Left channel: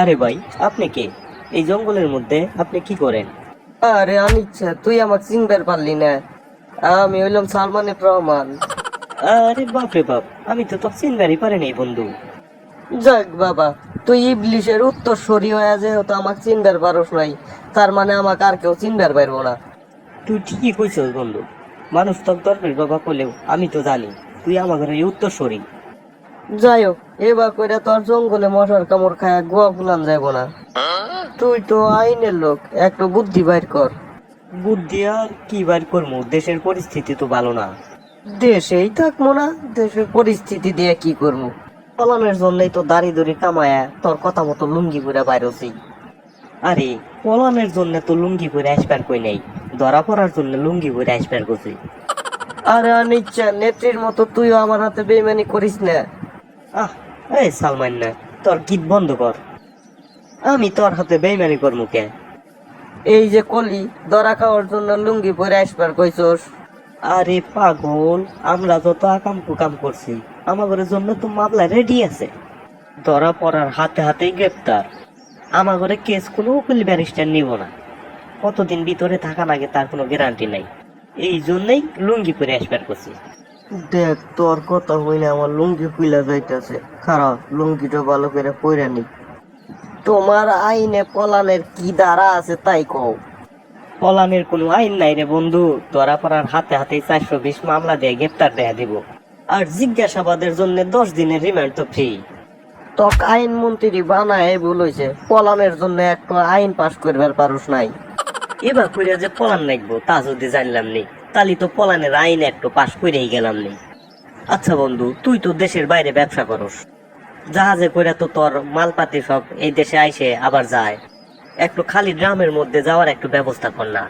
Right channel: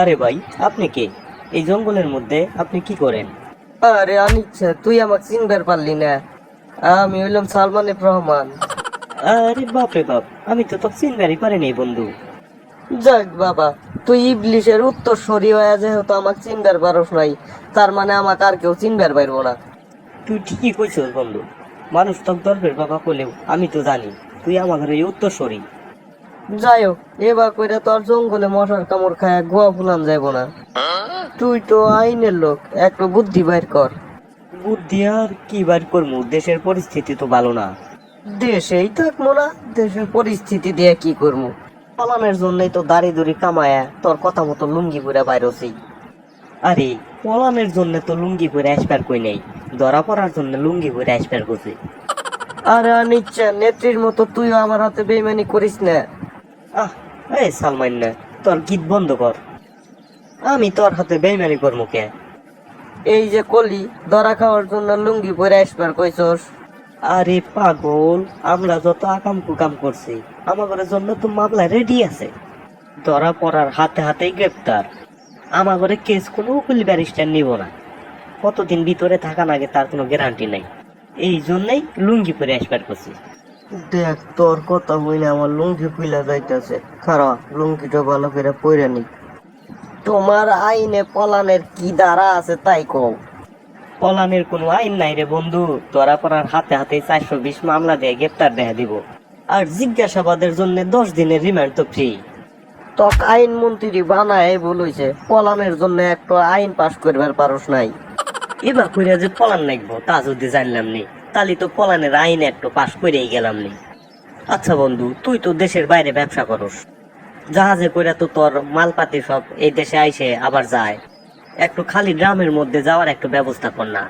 আরে ভাই, আপনি কে? এই জঙ্গলের মধ্যে আপনি কি করেন? আরে আনিচ্ছে, তুই আমাকে চিনবার পারলি না? আমি হইলাম সালমান এফ রহমান। আরে বাপ রে বাপ, আমি তো তোর চিনবারই পারিনি বন্ধু। যাক বাবা, তুই ইবলিশের উত্তরসূরি হয়ে যেহেতু আমাকে চিনবার পারস নাই, তার মানে আমাকে আর কেউ চিনবার পারবো না। তুই ঠিকই কইছিস বন্ধু। মানুষ তো গল্পের বাবা করলেও আমি তো জানি তুই আমার ঘরে উত্তরসূরি। যাই হোক, এবার কইরা তোর জঙ্গলে মশার কামড় খায় গোয়া ফুলান যাইব না। তুই তো আইনের লোক, একটু বুদ্ধি বাইর কর। বুদ্ধি আর কি বার করবো, দেশের পরিস্থিতি তো ভালো না। দেশেই থাকবো না, দেশের পরিস্থিতি দিয়ে কি করবো? ফলানোর জন্যই তো দাড়ি দড়ি কামায়া তোর কথা মতো লুঙ্গি পুরা বাইরছি। আরে, পলানের জন্য তো লুঙ্গি পরে আসবার কই নাই, ধরা পড়ার জন্য লুঙ্গি পরে আসবার করছে। আরে নিচ্ছে নেত্রীর মতো তুইও আমার হাতে বেইমানি করিস না। আহ, এই সালমান না, তোর গীত বন্ধ কর। আমি তোর হাতে বেইমানি করবো কে? এই যে কলি ধরা খাওয়ার জন্য লুঙ্গি পরে আসবার কইছস। আরে পাগল, আমরা যত আকাম কুকাম করছি আমাদের জন্য তো মামলা রেডি আছে। ধরা পড়ার হাতে হাতে গ্রেপ্তার। আমাদের কেস কোনো উকিল ব্যারিস্টার নিব না। কতদিন ভিতরে থাকা লাগে তার কোনো গ্যারান্টি নাই। এই জন্যই লুঙ্গি পরে আসবার করছি। দেখ, তোর কথা হইলে আমার লুঙ্গি ফুইলা যাইতেছে। খারাপ, লুঙ্গিটা ভালো করে পরে নি। তোমার আইনে পলানের কি ধারা আছে তাই কও। পলানের কোনো আইন নাই রে বন্ধু। ধরা পড়ার হাতে হাতে 420 মামলা দিয়ে গ্রেপ্তার দেয়া দিব। আর জিজ্ঞাসাবাদের জন্য 10 দিনের রিমান্ড তো ফ্রি। তক আইন মন্ত্রী বানায় বলইছে, পলানের জন্য একটা আইন পাস করবার পারস নাই। এবার কইরা যে পলান লাগবো তা যদি জানলাম নি, তাহলে তো পলানের আইন একটু পাশ করেই গেলাম নি। আচ্ছা বন্ধু, তুই তো দেশের বাইরে ব্যবসা করস, জাহাজে কইরা তো তোর মালপাতি সব এই দেশে আইসে আবার যায়। একটু খালি গ্রামের মধ্যে যাওয়ার একটু ব্যবস্থা কর না।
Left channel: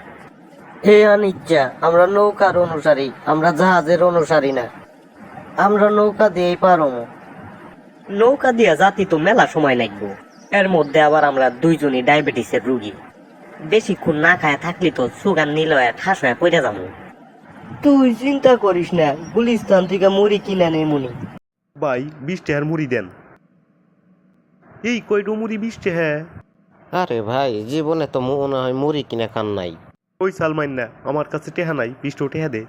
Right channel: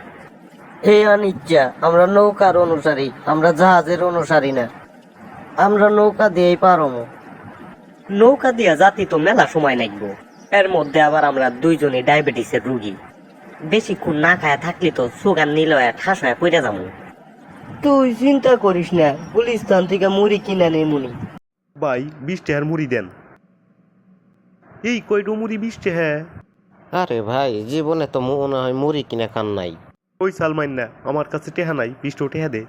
হে অনিচ্ছা, আমরা নৌকার অনুসারী, আমরা জাহাজের অনুসারী না। আমরা নৌকা দিয়েই পারুম। নৌকা দিয়া জাতি তো মেলা সময় লাগবো। এর মধ্যে আবার আমরা দুইজনই ডায়াবেটিসের রুগী। বেশিক্ষণ না খায় থাকলে তো সুগার নিল ঠাস হয়ে পড়ে যাবো। তুই চিন্তা করিস না, গুলিস্তান থেকে মুড়ি কিনে নেই মনি। ভাই 20 টাকার মুড়ি দেন। এই কয়টো মুড়ি 20 টাকা? আরে ভাই, জীবনে তো মনে হয় মুড়ি কিনে খান নাই। ওই সালমান না, আমার কাছে টেহা নাই, 20 টাকা দে।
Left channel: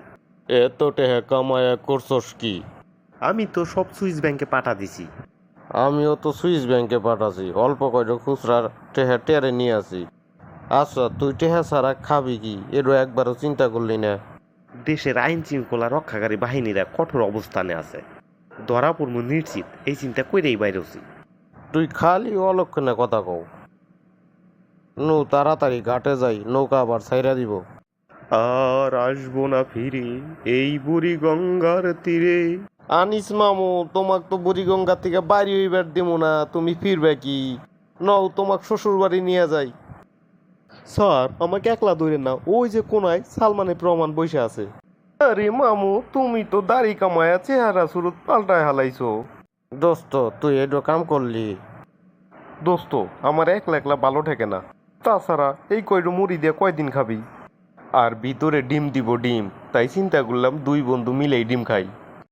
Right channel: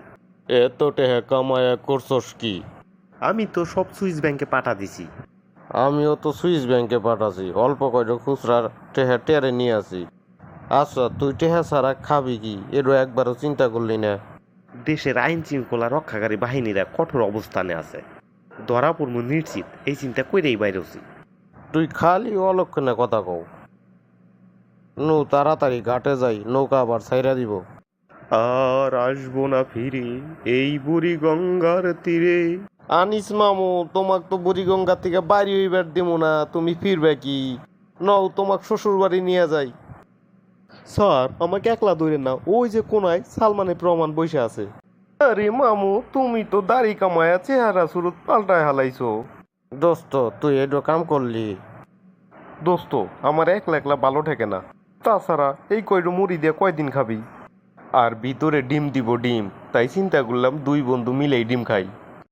এত টেহা কামায়া করছস কি? আমি তো সব সুইস ব্যাংকে পাঠা দিছি। আমিও তো সুইস ব্যাংকে পাঠাছি, অল্প কয়টা খুচরা টেহা টেরে নিয়ে আসি। আচ্ছা, তুই টেহা ছাড়া খাবি কি এরও একবারও চিন্তা করলি না? দেশের আইন শৃঙ্খলা রক্ষাকারী বাহিনীরা কঠোর অবস্থানে আছে, ধরা পড়বো নিশ্চিত, এই চিন্তা কইরেই বাইরেছি। তুই খালি অলক্ষণে কথা কও। নু তাড়াতাড়ি ঘাটে যাই, নৌকা আবার ছাইরা দিব। আর আসবো না ফিরে এই বুড়ি গঙ্গার তীরে। আনিস মামু, তোমাক তো বুড়িগঙ্গা থেকে বাড়ি হইবার দিব না, তুমি ফিরবে কি? নও, তোমাক শ্বশুর বাড়ি নিয়ে যাই। স্যার, আমাকে একলা ধরেন না, ওই যে কোনায় সালমানের প্রমাণ বসে আছে। আরে মামু, তুমি তো দাড়ি কামায়া চেহারা সুরত পাল্টায় হালাইছো। দোস্ত, তুই এডো কাম করলি? দোস্ত, আমার একলা একলা ভালো ঠেকে না। তাছাড়া এই কয়টো মুড়ি দিয়ে কয়দিন খাবি? আর ভিতরে ডিম দিব, ডিম। তাই চিন্তা করলাম দুই বন্ধু মিলেই ডিম খাই।